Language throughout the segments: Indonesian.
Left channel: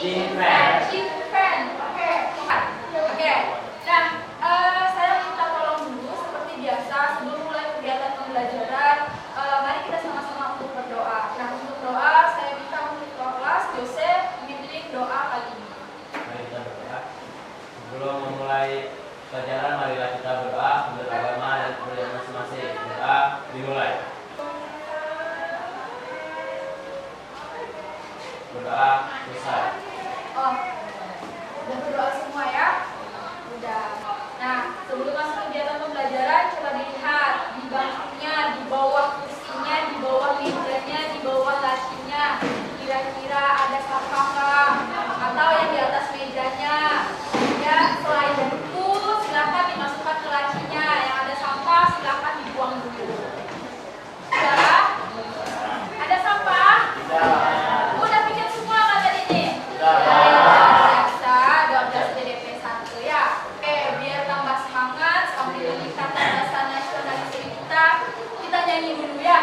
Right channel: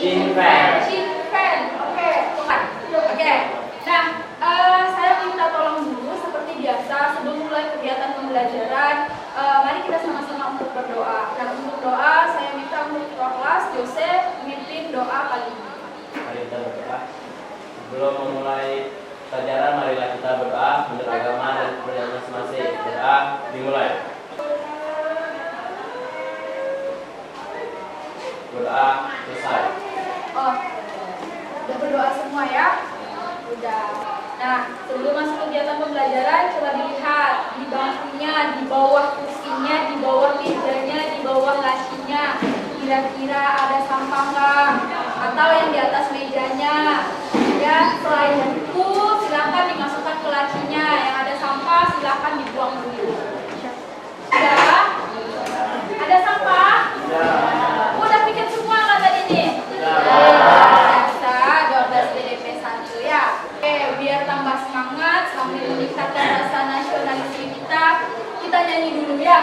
Cinpen. Cinpen. Oke, bukan. Oke. Nah, saya minta tolong dulu seperti biasa sebelum mulai kegiatan pembelajaran, mari kita sama-sama untuk berdoa. Nah, untuk doa saya minta untuk ketua kelas Jose memimpin doa kali ini. Mari kita berdoa. Sebelum memulai pelajaran, marilah kita berdoa menurut agama dan kepercayaan masing-masing. Doa dimulai. Berdoa selesai. Oh, udah berdoa semua ya? Udah. Nah, sebelum masuk kegiatan pembelajaran, coba dilihat di bangkunya, di bawah kursinya, di bawah mejanya, di bawah lacinya. Kira-kira ada sampah nggak? Atau yang di atas mejanya? Ya, selain buku, silakan dimasukkan ke lacinya. Yang ada sampah, silakan dibuang dulu. Udah? Ada sampah? Udah bikin semua kan tadi nih? Biasa 12 BDP 1 ya. Oke, biar tambah semangat sambil meningkatkan rasa nasionalisme kita nyanyi dulu ya.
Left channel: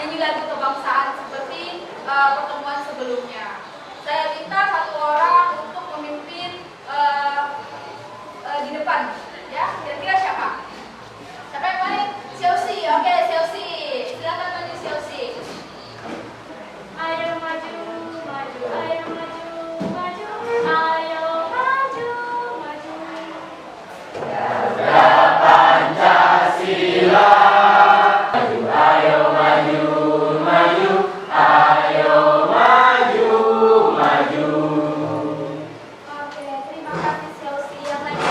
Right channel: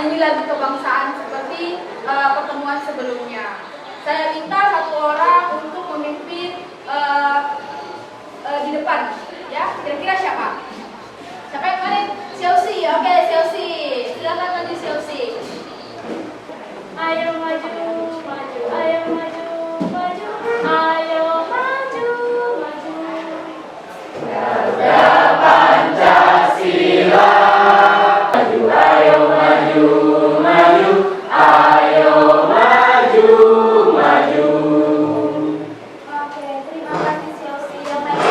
Nyanyi lagu kebangsaan seperti pertemuan sebelumnya. Saya minta satu orang untuk memimpin di depan ya. Kira-kira siapa? Siapa yang kemarin? Chelsea. Oke, Chelsea. Silakan maju Chelsea. Ayo maju, maju, ayo maju, maju, ayo maju, maju. Garda Pancasila, maju, ayo maju, maju, ayo maju, maju. Oke, terima kasih Chelsea yang lain.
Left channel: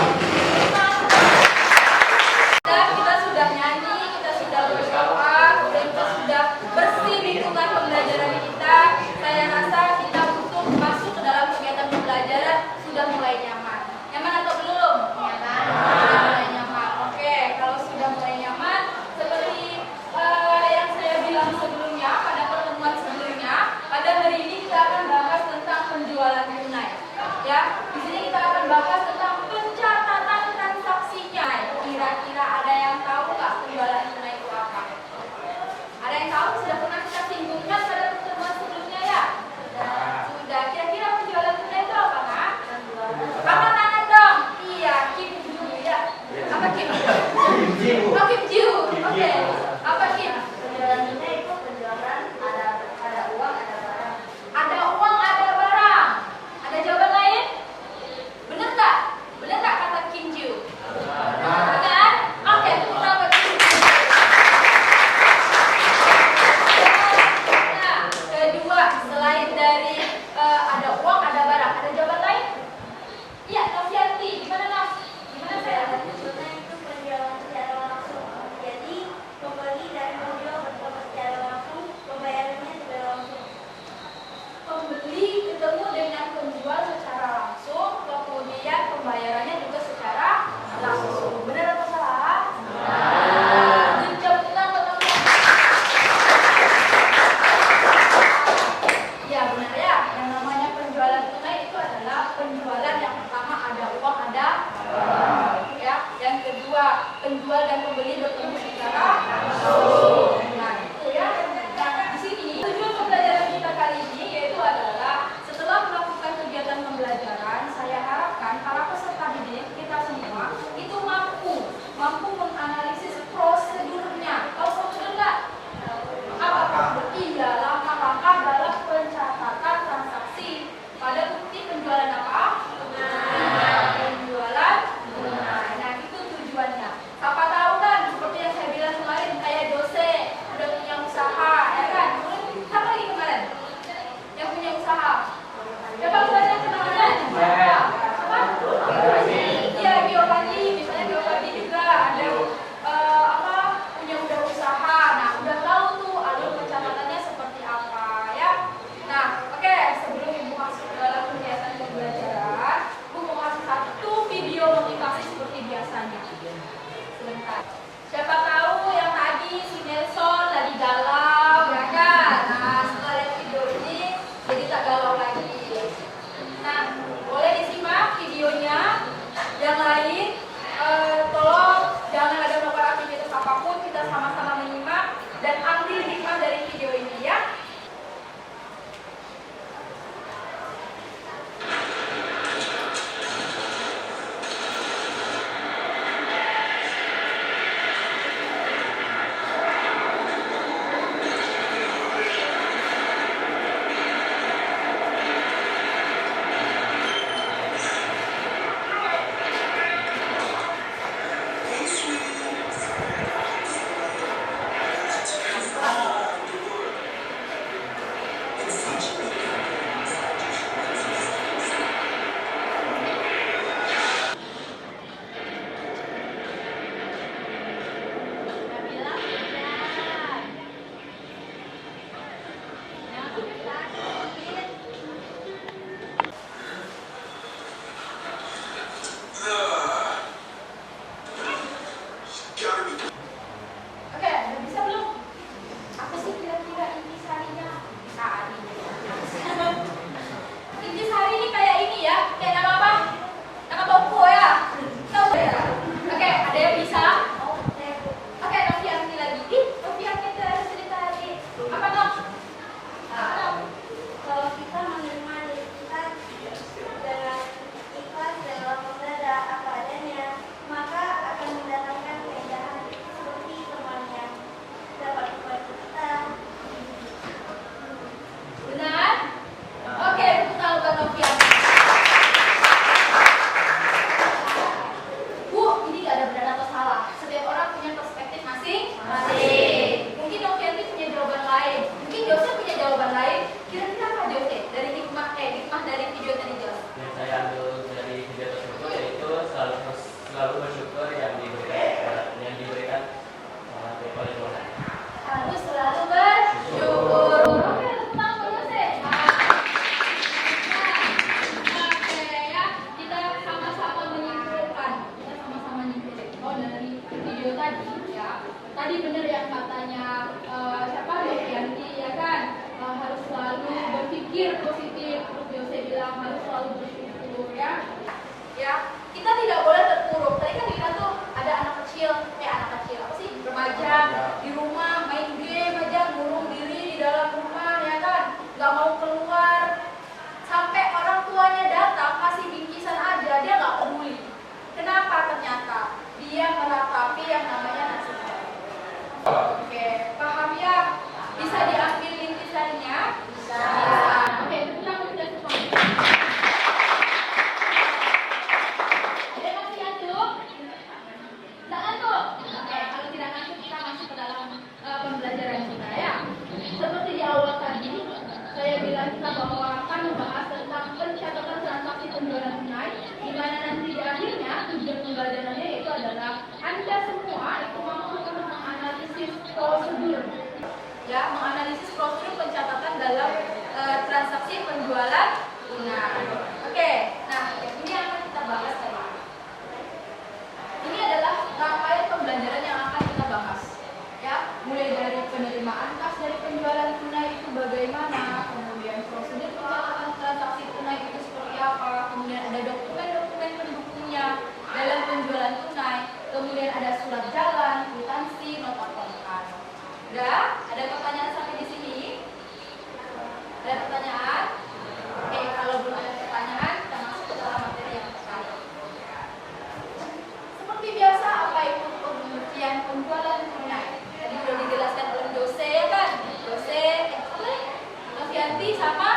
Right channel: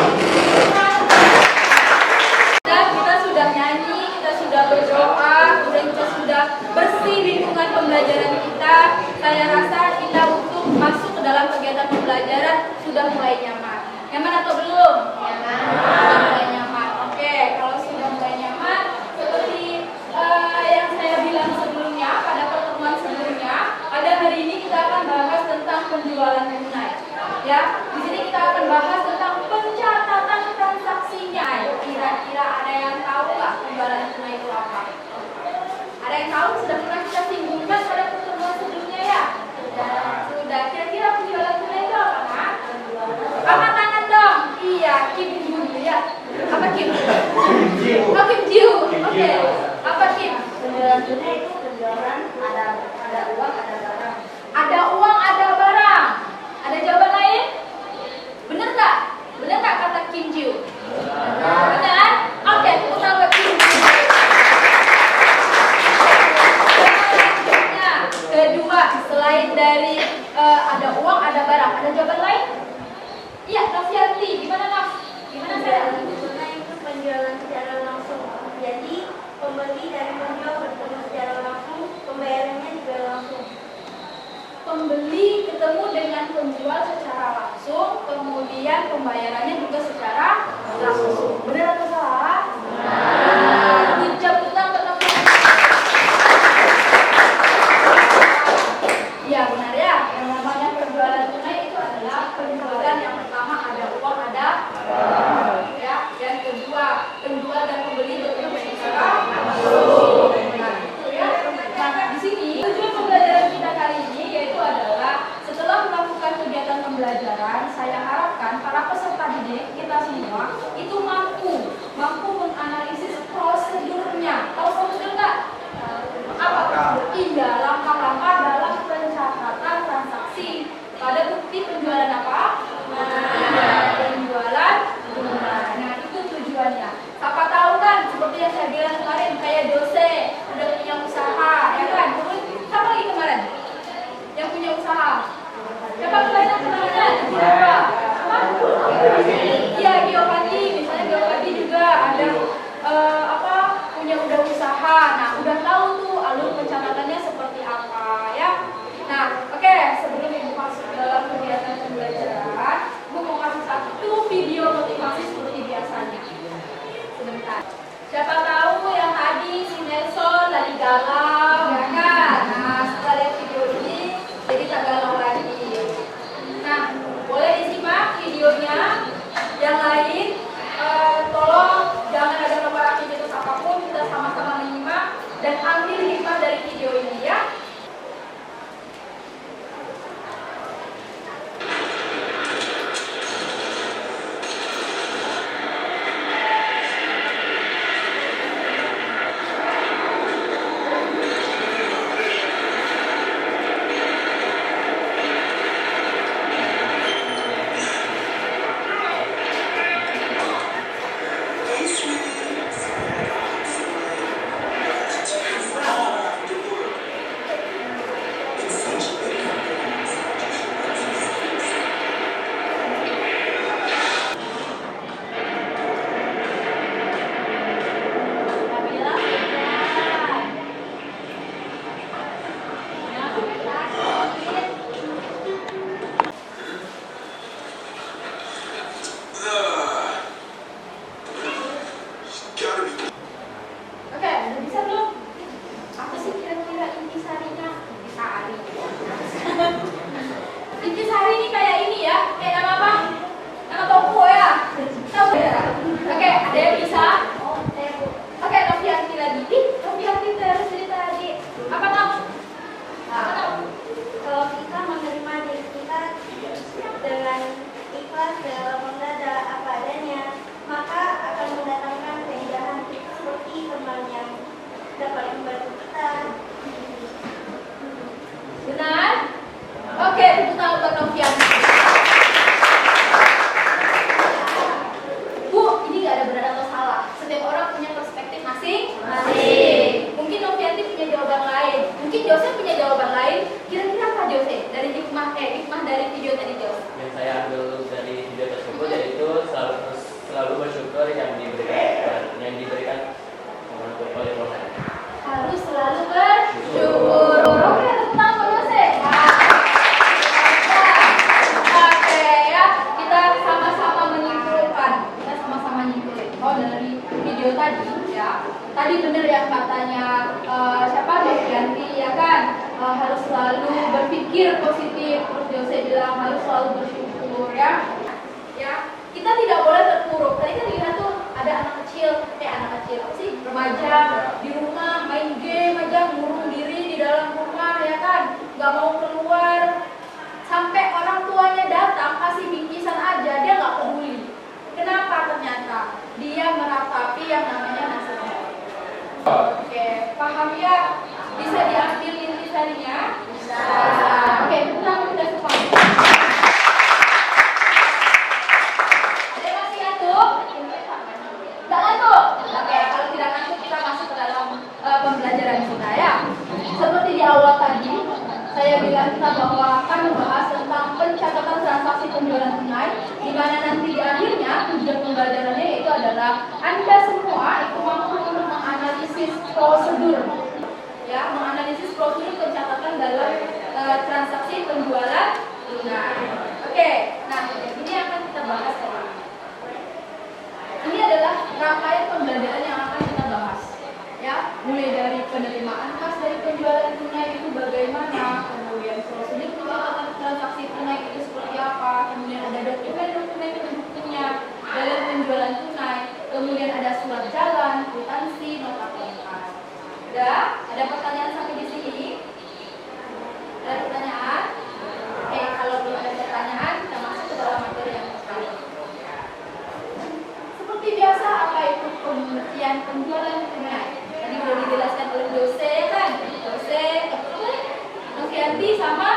Kita sudah nyanyi, kita sudah berdoa, dan kita sudah bersih lingkungan pembelajaran kita. Saya rasa kita untuk masuk ke dalam kegiatan pembelajaran sudah mulai nyaman. Nyaman atau belum? Nyaman. Sudah mulai nyaman. Oke, kalau sudah mulai nyaman, seperti yang saya bilang sebelumnya, pada pertemuan sebelumnya, pada hari ini kita akan bahas tentang penjualan tunai. Ya, di sini kita akan bahas tentang pencatatan transaksinya. Kira-kira ada yang tahu nggak penjualan tunai itu apa? Ada yang tahu? Sudah pernah kita singgungkan pada pertemuan sebelumnya ya? Sudah. Kira-kira penjualan tunai itu apa, Kak? Angkat tangan dong. Iya, Kim dulu ya. Apa Kim? Oh, Kim Jiu. Oke. Apa Kim? Penjualan tunai itu penjualan ada uang, ada barang. Ada uang, ada barang. Ada jawaban lain? Benar nggak? Benar nggak kata Kim Jiu? Benar? Oke, tepuk tangan buat Kim Jiu. Kedua, selain dari ada uang, ada barang, ada jawaban lain? Iya, Kavianti. Gimana Kak? Gimana saya? Penjualan tunai itu penjualan secara langsung. Jadi pembeli dari penjual bertemu secara langsung, pembayarannya juga langsung. Pembeli ketemu dengan penjual secara langsung, kemudian pembayarannya juga secara langsung. Benar atau salah? Benar. Tepuk tangan buat teman. Ya benar ya. Yang namanya penjualan tunai itu adalah penjualan yang pertama ada uang, ada barang. Ya. Yang kedua, penjual dan pembeli bertemu secara langsung. Nah, itu ya. Nah, di sini tujuan pembelajaran kita kali ini yaitu adalah setelah melakukan kegiatan pembelajaran, saya harapkan para peserta didik kita semua itu mampu menganalisis prosedurnya. Tahu prosedur nggak? Apa prosedur? Iya, langkah-langkah dalam pencatatan transaksi pada bukti penjualan apa? dari video tadi, Jos? Yang saya ambil dari video tersebut yaitu selalu bersyukur yang diberikan oleh Tuhan. Harus selalu bersyukur. Oke, tepuk tangan buat Yose. Oke ya, kita sama-sama menyimpulkan. Oh, dari video tadi ya. Tadi benar yang katanya siapa? Devianti ya kan? Harus selalu berpikir positif. Terus Yose bilang harus selalu bersyukur ya. Ya, kita tidak boleh terpuruk. Tadi kan kita tuh ada anak kecil apa sih, remaja di rumah main game aja, ngurung diri di dalam rumah ya kan, nggak mau keluar, sampai orang tuanya datang kasih bingkisan aja dia nggak peduli. Kenapa? Ternyata dia meratapi yang namanya nasibnya. Oke, paham ya? Bisa diambil intisarinya? Bisa. Oke, kita semua. Ada masih ngantuk? Nggak ngantuk? Oke, kalau tidak ngantuk kita masuk ke dalam pembelajaran kita ya. Seperti di awal tadi, saya bilang kita bahwa akan membahas tentang pencatatan transaksi penjualan tunai, di mana nanti di akhirnya tujuan pembelajarannya yaitu adalah Anda semua itu mampu menganalisis prosedur, ya, menganalisis prosedur pencatatan dalam transaksi penjualan tunai. Oke, nah ini akan kita bahas tadi. Ini adalah rangkaian pembelajaran yang akan kita bahas, ya, mulai dari penerimaan kas dari penjualan tunai itu bagaimana, kemudian prosedur pencatatan transaksi tunai itu seperti apa, kemudian ada dokumen-dokumen pendukungnya dalam penjualan tunai, kemudian ada surat jalan, kwitansi, nota kontrak. Udah? Ada pertanyaan sampai di sini? Ada pertanyaan? Oke, kalau belum ada pertanyaan, kita masuk ke dalam materi yang pertama. Seperti biasa, apa itu pengertian penjualan tunai? Tadi sudah dijelaskan oleh Yose kan? Yose, Novianti sama?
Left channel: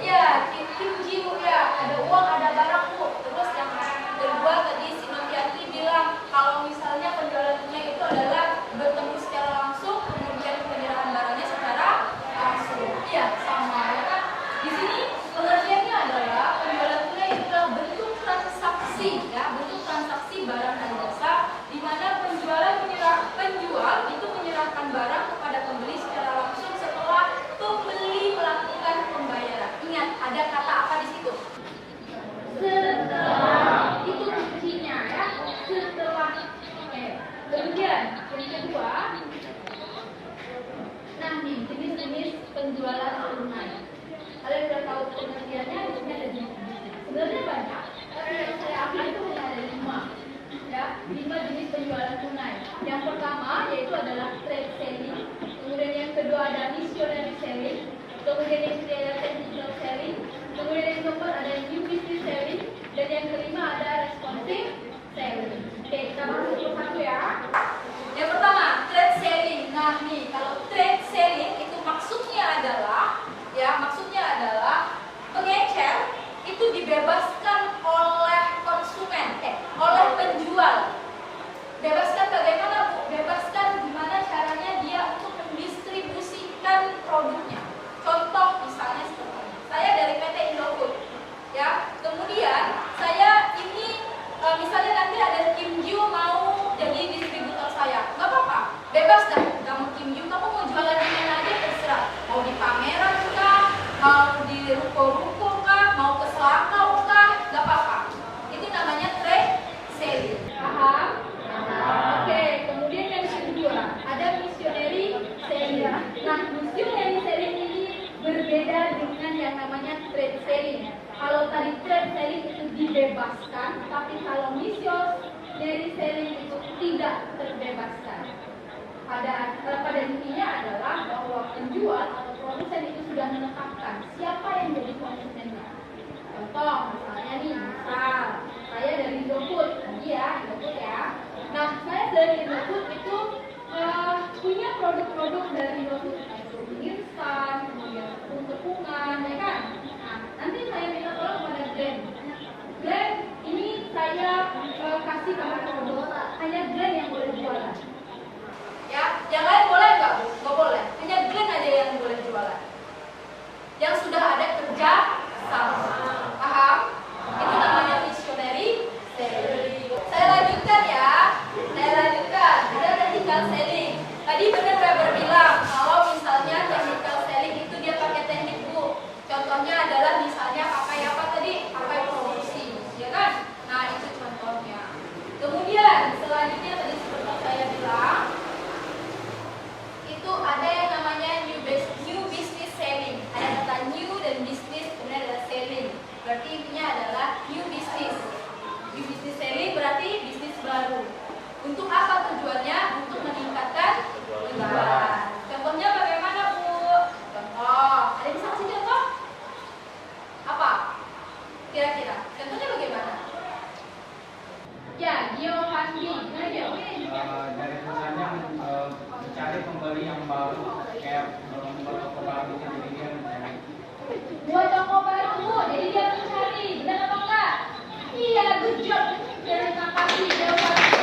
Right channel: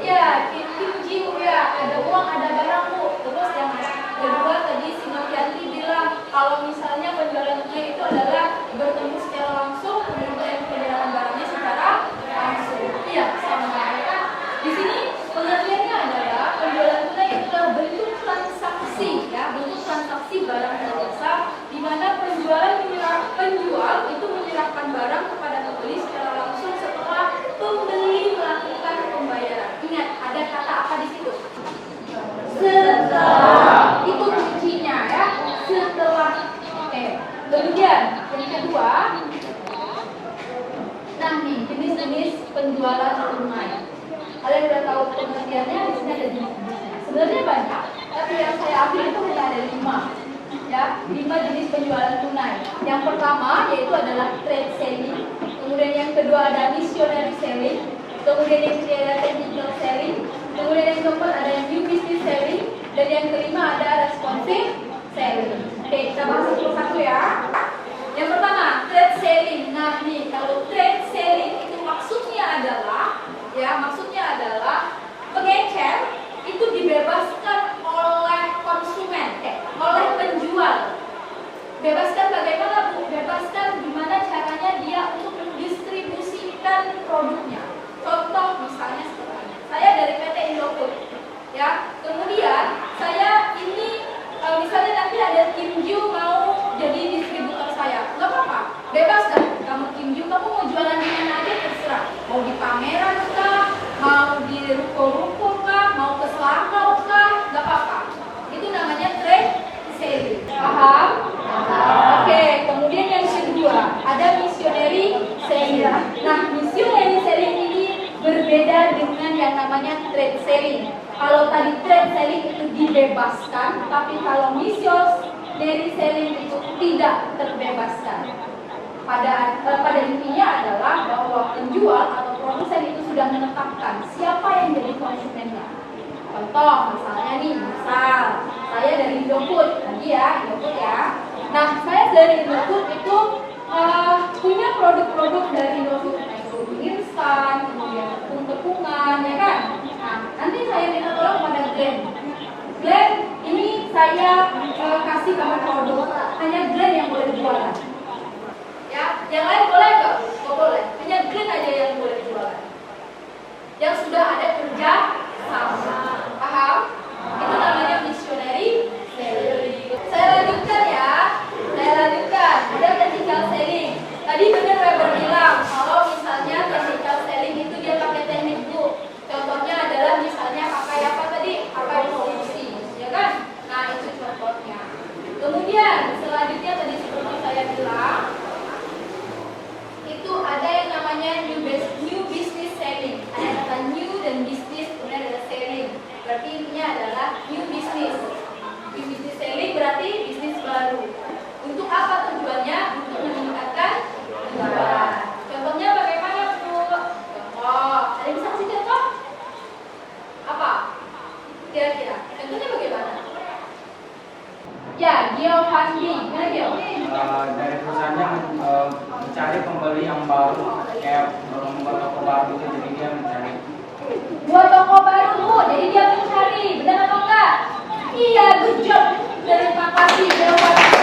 Ya, Kim Jiu ya. Ada uang, ada barang bu. Terus yang kedua tadi si Novianti bilang kalau misalnya penjualan tunai itu adalah bertemu secara langsung, kemudian penyerahan barangnya secara langsung. Iya, sama ya kan? Di sini pengertiannya adalah penjualan tunai itu adalah bentuk transaksi, ya, bentuk transaksi barang dan jasa, di mana penjual itu menyerahkan barang kepada pembeli secara langsung setelah pembeli melakukan pembayaran. Ingat, ada kata apa di situ? Setelah. Itu kuncinya ya, setelah. Oke. Kemudian yang kedua, nah nih jenis-jenis penjualan tunai. Kalian udah tahu pengertiannya, di sini ada jenis-jenisnya. Sebenarnya banyak, tapi yang saya ambil itu hanya ada 5. Ya, 5 jenis penjualan tunai. Yang pertama yaitu adalah trade selling, kemudian yang kedua ada missionary selling, kemudian yang ketiga ada technical selling, kemudian yang keempat ada yang new business selling, dan yang kelima ada responsive selling. Oke, kita masuk ke satu ya. Yang pertama, trade selling. Nah nih, kalau trade selling itu maksudnya adalah pengecer itu dibebaskan oleh konsumen, oleh penjual. Bebaskan bagaimana bu? Bebaskan gimana caranya dia untuk mendistribusikan produknya. Contoh misalnya seperti ini. Saya dari PT Indofood, ya. Kemudian saya ini misalnya nanti ada Kim Ju mau jadi distributor saya, nggak apa-apa, bebas kan? Kamu Kim Ju, kamu mau jualan di mana aja terserah. Mau di pameran kah? Mau di ruko-ruko kah? Mau ke Selangau kah? Nggak apa-apa. Itu namanya trade selling. Paham? Oke, kemudian yang kedua ada missionary selling. Nah, missionary selling ini berbeda dengan yang namanya trade selling. Kalau tadi trade selling itu dibebaskan, tapi kalau missionary selling itu tidak terbebaskan. Pada intinya adalah bahwa penjual atau produsen itu sudah menetapkan siapa yang jadi konsumennya. Contoh, misalnya nih, saya dari Indofood, tadi ya, Indofood ya. Nah, saya dari Indofood itu punya produk-produk dari Indofood, produk instan, kemudian tepung-tepungan, ya kan? Nah, nanti saya minta tolong pada Glenn, ini saya kasih kamu produk, hanya Glenn yang boleh jualan. Ya, yang lain boleh nggak? Nggak boleh. Hanya Glenn aja yang boleh jualan. Yang sudah ada kerja misalnya pakai apa tadi? Pakai promosi, ya kan? Nah, itu contohnya. Kemudian selanjutnya tadi seperti saya bilang, itu ada yang namanya new business selling. Ada kata new dan business, kemudian ada selling. Berarti intinya adalah new business. New business selling berarti bisnis baru. Untuk apa tujuannya? Untuk meningkatkan penjualan. Contohnya bagaimana, Bu? Contoh, ada yang bisa kasih contoh? Apa? Kira-kira. Contohnya bagaimana? Ya, geofunding. Gimana geofunding? Dari perusahaannya mencari pembeli yang baru, kayak membuat toko baru gitu, jadi dia mencari. Buat toko baru, Bu. Jadi dia mencari. Benar atau enggak? Iya, good job. Terima kasih, geofunding.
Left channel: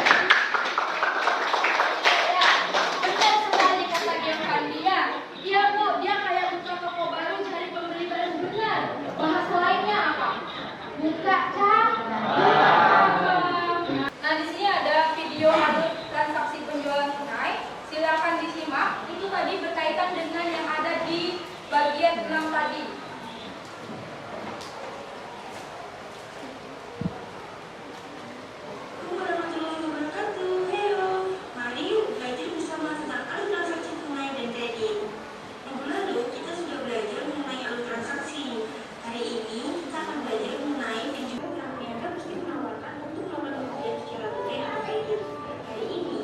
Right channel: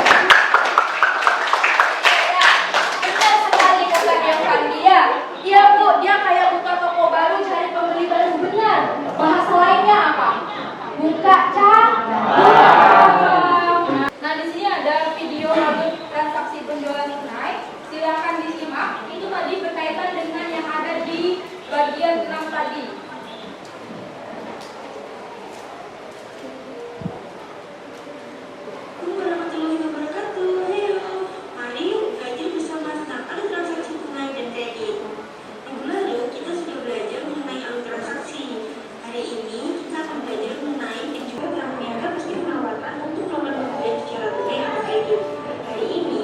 Ya, benar sekali kata geofunding ya. Iya, Bu. Dia kayak buka toko baru, cari pembeli baru. Benar. Bahasa lainnya apa? Buka cabang. Nah, di sini ada video lalu transaksi penjualan tunai. Silakan disimak. Itu tadi berkaitan dengan yang ada di bagian 6 tadi. Assalamualaikum warahmatullahi wabarakatuh. Heyo, mari yuk belajar bersama tentang alur transaksi tunai dan kredit. Minggu lalu kita sudah belajar mengenai alur transaksi. Hari ini kita akan belajar mengenai penjualan yang menganggap meski penawaran untuk melakukan pembelian secara tunai atau kredit. Hari ini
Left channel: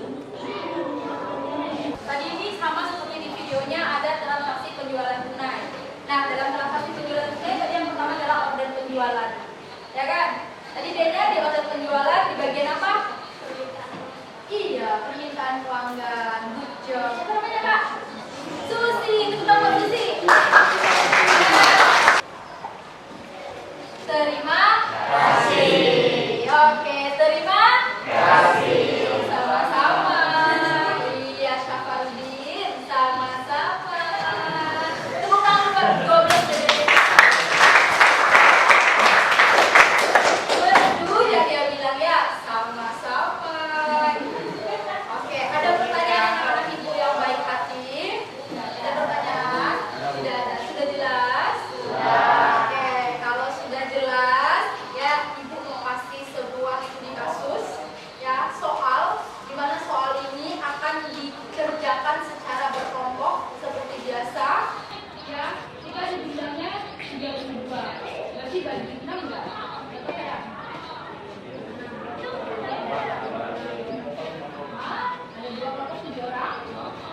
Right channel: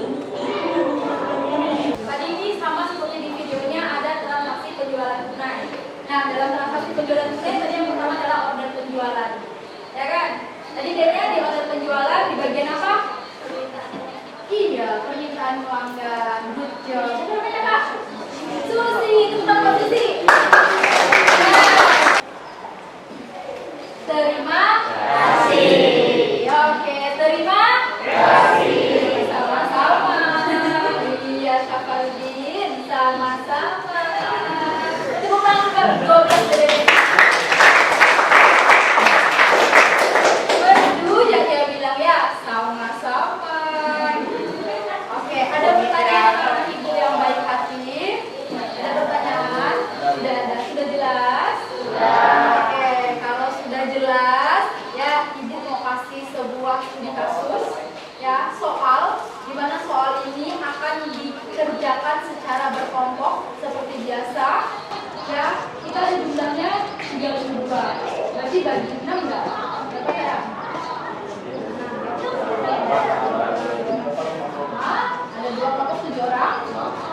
Tadi ini sama seperti di videonya ada transaksi penjualan tunai. Nah, dalam transaksi penjualan tunai tadi yang pertama adalah order penjualan. Ya kan? Tadi data di order penjualan di bagian apa? Iya, permintaan pelanggan. Good job. Siapa namanya, Kak? Susi. Tepuk tangan buat Susi. Terima kasih. Oke, terima kasih. Sama-sama. Iya, Syafardin. Sama-sama. Tepuk tangan buat 12 dari Bedu, ya dia bilang ya, sama-sama. Oke, ada pertanyaan anak-anak ibu yang baik hati? Ada pertanyaan? Tidak ada. Sudah jelas? Oke, kalau sudah jelas, ya ibu mau kasih sebuah studi kasus, ya soal, di mana soal ini akan dikerjakan secara berkelompok seperti biasa. Ya, kita jumlahnya 32. Berarti bagi 6 enggak? Berapa ya? Ada 2 kelompok 7 orang,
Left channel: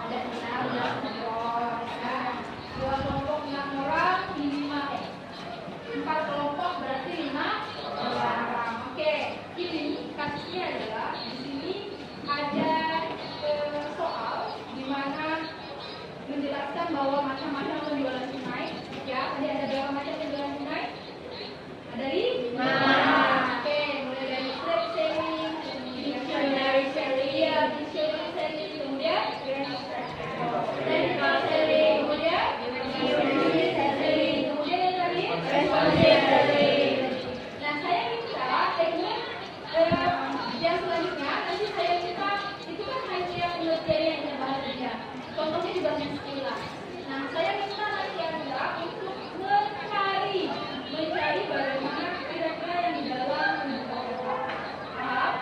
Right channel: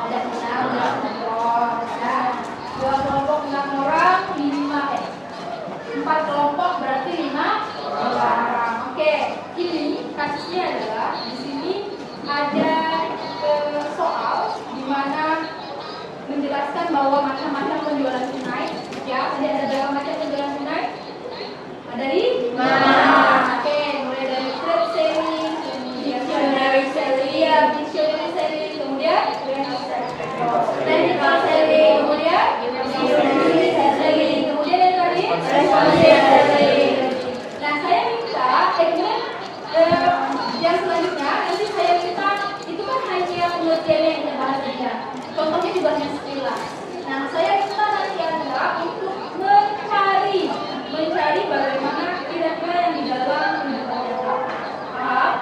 ada 6 kelompok, ya. 2 kelompok 6 orang, 4 kelompok berarti 5 orang. Oke, ini kasusnya adalah di sini ada soal di mana menjelaskan bahwa macam-macam penjualan tunai. Ya, ada berapa macam penjualan tunai? Ada 5. Oke, mulai dari trade selling, kemudian visionary selling, visionary selling, kemudian technical selling, kemudian selling, kemudian yang tadi selling. Nah, saya minta yang selanjutnya nanti saya minta itu kan hanya pengertiannya yang terbahas saja. Contohnya juga hanya sekilas. Nah, saya minta nanti Anda untuk mencari bagaimana kira-kira yang di dalam penjualan jasa. Paham?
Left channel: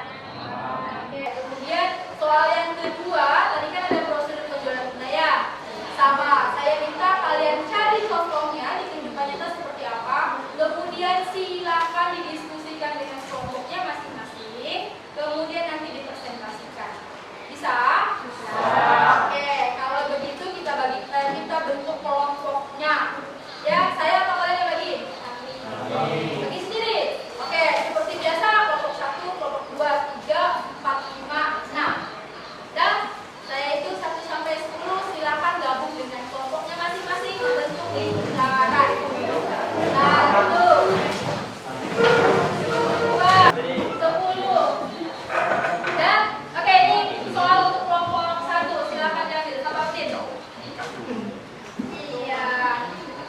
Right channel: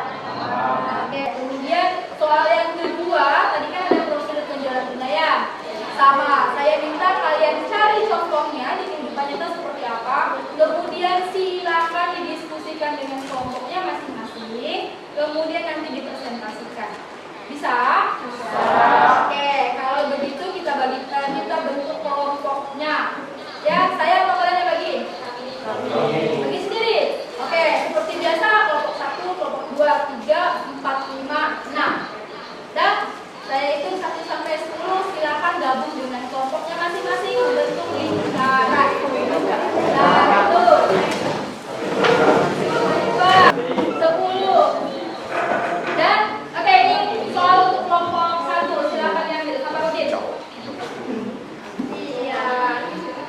Oke, kemudian soal yang kedua, tadi kan ada prosedur penjualan tunai ya. Sama, saya minta kalian cari contohnya di kehidupan nyata seperti apa. Kemudian silakan didiskusikan dengan kelompoknya masing-masing. Kemudian nanti dipresentasikan. Bisa? Bisa. Oke, kalau begitu kita bentuk kelompoknya. Ya, saya atau kalian yang bagi? Bagi sendiri. Oke, seperti biasa kelompok 1, kelompok 2, 3, 4, 5, 6. Dan saya itu 1 sampai 10 silakan gabung dengan kelompoknya masing-masing membentuk lingkaran. 1, 2, 10. Dan oke, ini soal untuk kelompok 1 silakan diambil sama Rodin. Iya.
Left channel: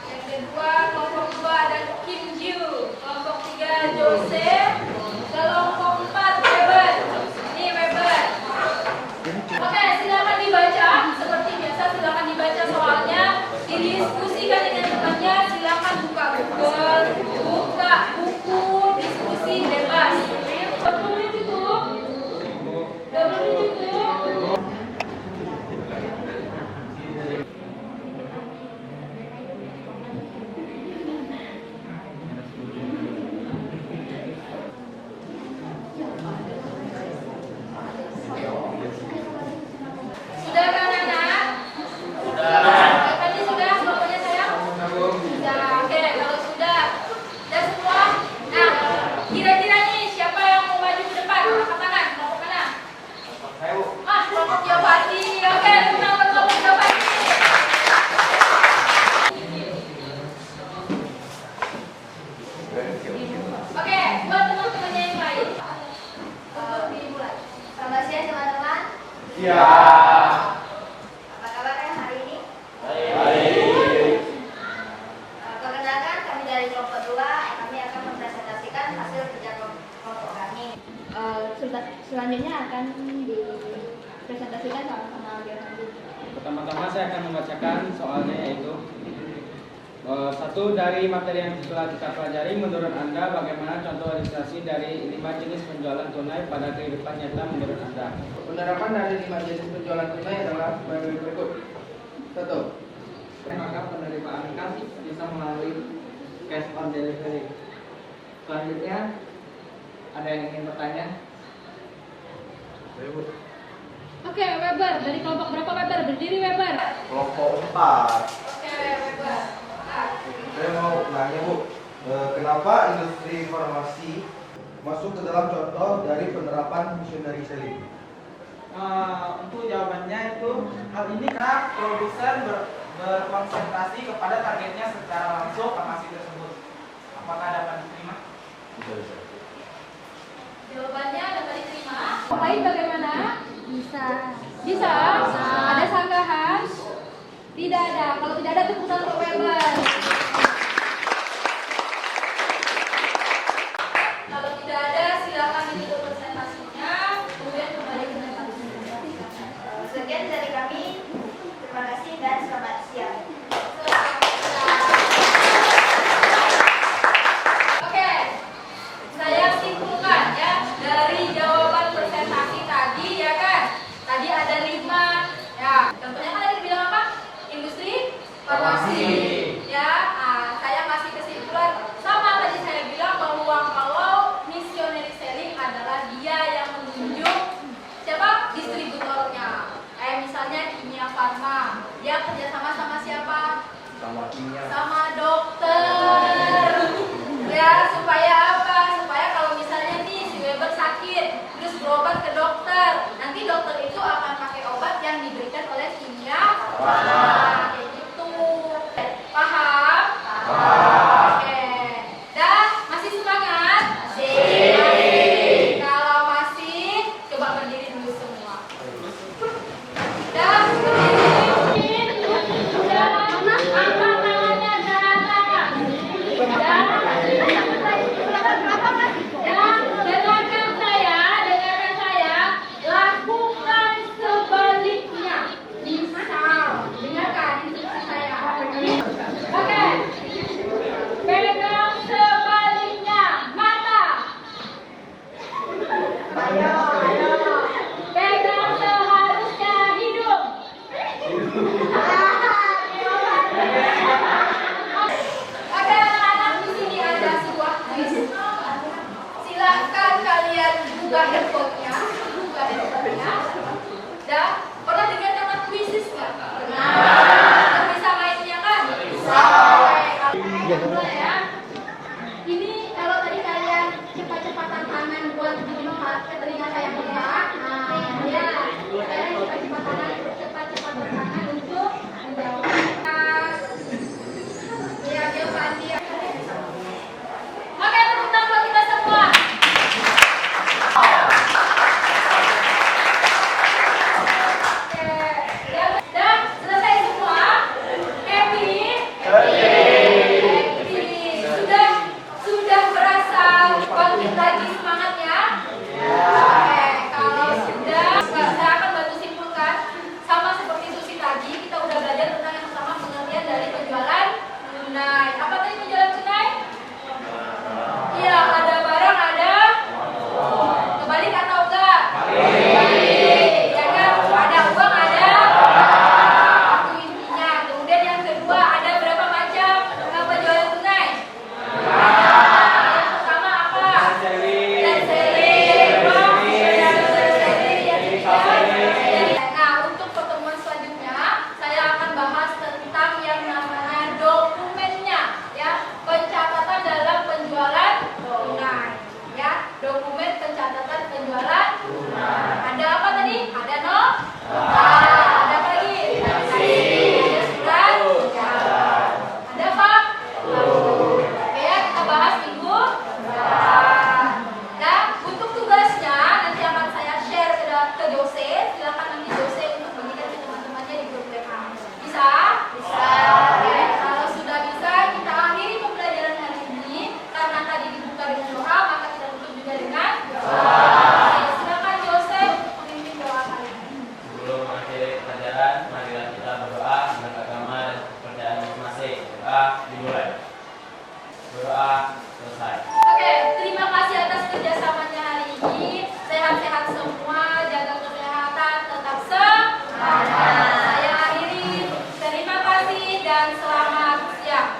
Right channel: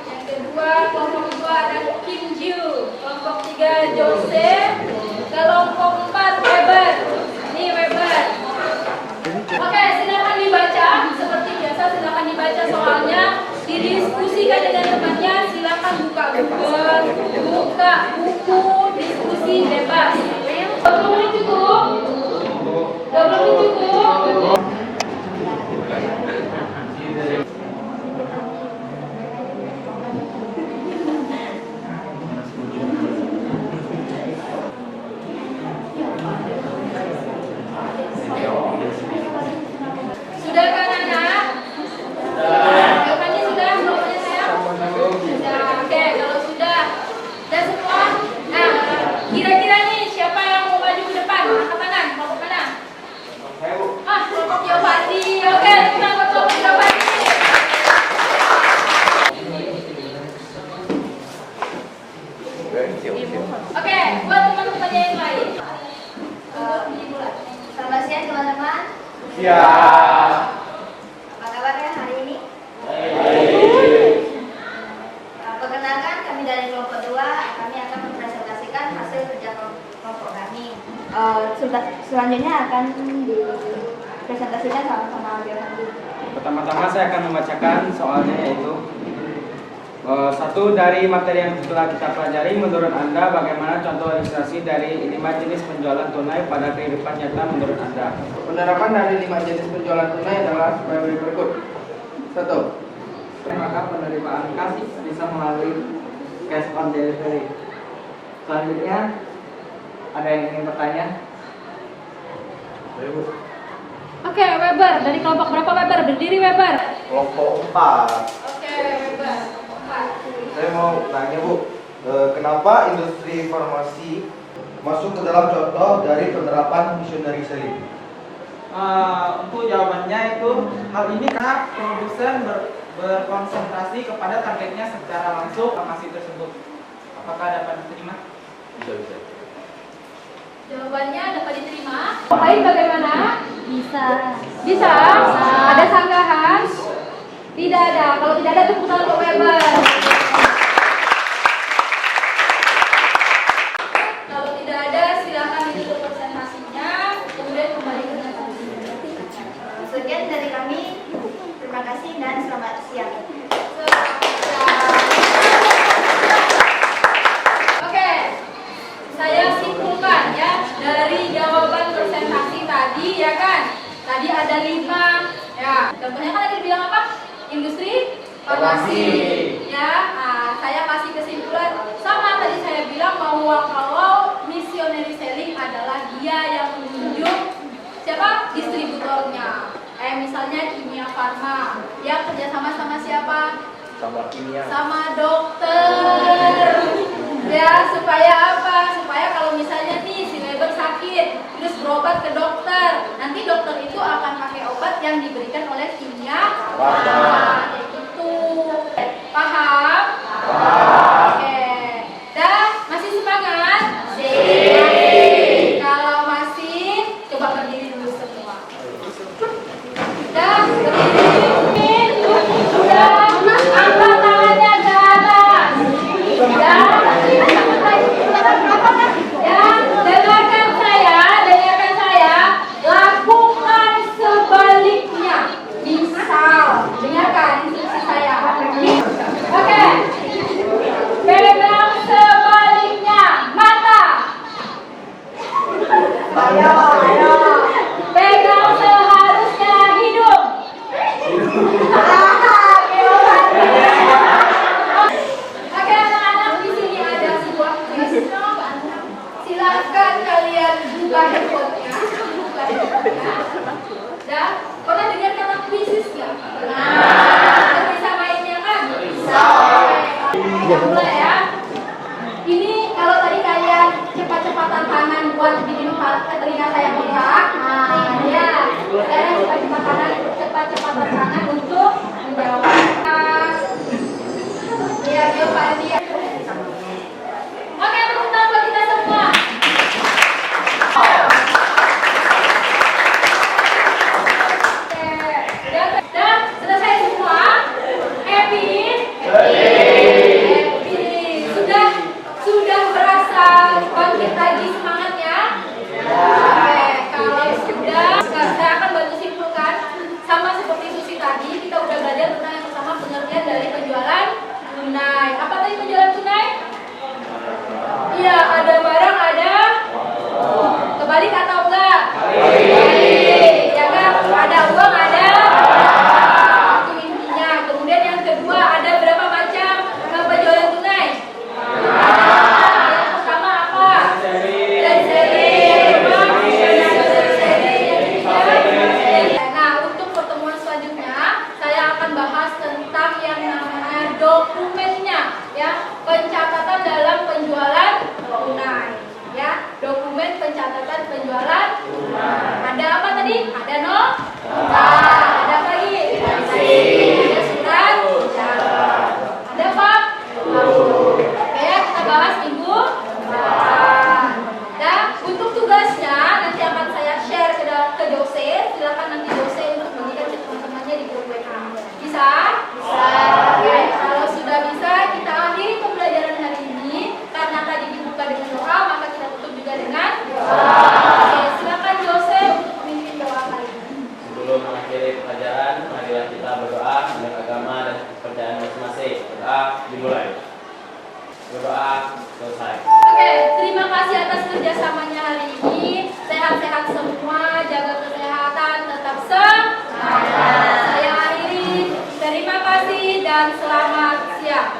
Yang kedua kelompok 2 ada Kim Ju, kelompok 3 Joseph, kelompok 4 Weber. Ini Weber. Oke, silakan dibaca seperti biasa, silakan dibaca soalnya, didiskusikan dengan temannya, silakan buka Google, buku diskusi bebas. 20 menit cukup? 20 menit cukup? Sudah kan anak? Sudah. Fandi sudah kelompoknya sayang? Sudah. Oke, kalau sudah semua. Nah, kira-kira nih siapa yang mau maju ke depan? Angkat tangan, kelompok mana? Saya, Bu. Kelompok Giovanni. Oke, tepuk tangan buat kelompok Giovanni. Oke, buat teman-teman yang lain. Dimulai. Selamat siang teman-teman. Siap. Apa kabarnya hari ini? Baik. Perkenalkan kami dari kelompok 2. Kami akan mempresentasikan hasil kerja kelompok kami. Selanjutnya akan dipresentasikan sama Giovanni. Pertama-tama saya akan membacakan soalnya, yaitu satu, dari materi yang telah kita pelajari, menurut Anda bagaimana contoh ilustrasi dari 5 jenis penjualan tunai pada kehidupan nyata menurut Anda? Penerapan dari 5 jenis penjualan tunai adalah sebagai berikut. 1. Maka penerimaan kas bisa melalui cash on delivery. Selanjutnya, ada yang ingin bertanya? Oke, Weber. Dari kelompok berapa Weber? Berdiri Weber. Kelompok 4. Oke, Weber. Saya mau nanya, Bu, kenapa industri farmasi masuk ke dalam contoh dari penerapan missionary selling? Untuk jawabannya itu hal ini karena produsen berkonsentrasi kepada targetnya secara langsung farmasi tersebut. Apakah dapat diterima? Jawabannya dapat diterima. Baik, bagaimana? Bisa. Bisa? Ada sanggahan? Tidak ada. Kalau tidak ada, tepuk tangan untuk Weber. Kalau tidak ada, silakan ditutup presentasinya. Kemudian kembali ke presentasi. Sekian dari kami. Terima kasih dan selamat siang. Oke, saya simpulkan ya dari jawaban presentasi tadi ya kan. Tadi ada 5 ya. Contohnya kan tadi dibilang apa? Industri farmasi. Ya, saya kasih kesimpulan sama tadi saya bilang bahwa kalau missionary selling adalah dia yang menunjuk siapa? Distributornya. Misalnya Kimia Farma, ya kerjasama sama siapa? Sama dokter. Ya, supaya apa? Supaya kalau misalnya nih si Weber sakit, terus berobat ke dokter, nanti dokter itu akan pakai obat yang diberikan oleh Kimia Farma. Kayak gitu. Paham? Oke. Dah, masih semangat? Kalau masih, coba berdiri dulu semua. Dah, berdiri. Sudah, angkat tangannya ke atas. Ya, dengarkan saya, lakukan sebaliknya. Misal, dengarkan instruksi saya. Oke, pegang sebaliknya, mata. Ayo. Pegang seharusnya hidung. Oke anak-anak, di sini ada sebuah kuis. Silahkan kalian buka handphonenya. Dan pernah dengar kata kuisis nggak? Nah, bisa mainnya kan? Bisa. Mulai ya. Ini kalau tadi kalian cepat-cepatan tangan buat bikin telinga saya bengkak. Nah, ya. Saya cepat-cepatan tangan untuk menjawab. Iya, Giovanni. Oke, tepuk tangan buat kita semua. Oke, dan selesai semua. Iya, ada barang, ada kebalik atau enggak? Kebalik. Ya kan? Ada uang, ada itu intinya. Kemudian yang kedua, ada berapa macam penjualan tunai? Ada. Yang pertama apa? Seri. Yang kedua, seri. Yang ketiga, nah, untuk pertemuan selanjutnya saya akan bahas tentang yang namanya dokumennya, ya, pencatatan dalam penjualan tunai, ya, dokumen pencatatan penjualan tunai. Ada apa tadi? Ada nota, ada apa lagi? Ada surat jalan, ada apa? Oke, ya, kita bahas minggu depan. Dan untuk tugasnya nanti akan saya share ke Jose. Silakan nanti Jose untuk bagikan ke teman-temannya di grup WA. Bisa? Bisa. Oke, kalau sudah bisa kita akhiri pembelajaran hari ini. Karena tadi dibuka dengan doa, maka kita tutup juga dengan doa. Oke, silakan Jose untuk memimpin doa kali ini. Sebelum mengakhiri pelajaran, marilah kita berdoa menurut agama dan kepercayaan masing-masing. Doa dimulai. Berdoa selesai. Oke, terima kasih atas kerjasamanya hari ini. Sehat-sehat semua, jaga kesehatan, tetap semangat. Saya akhiri. Terima kasih dan selamat siang.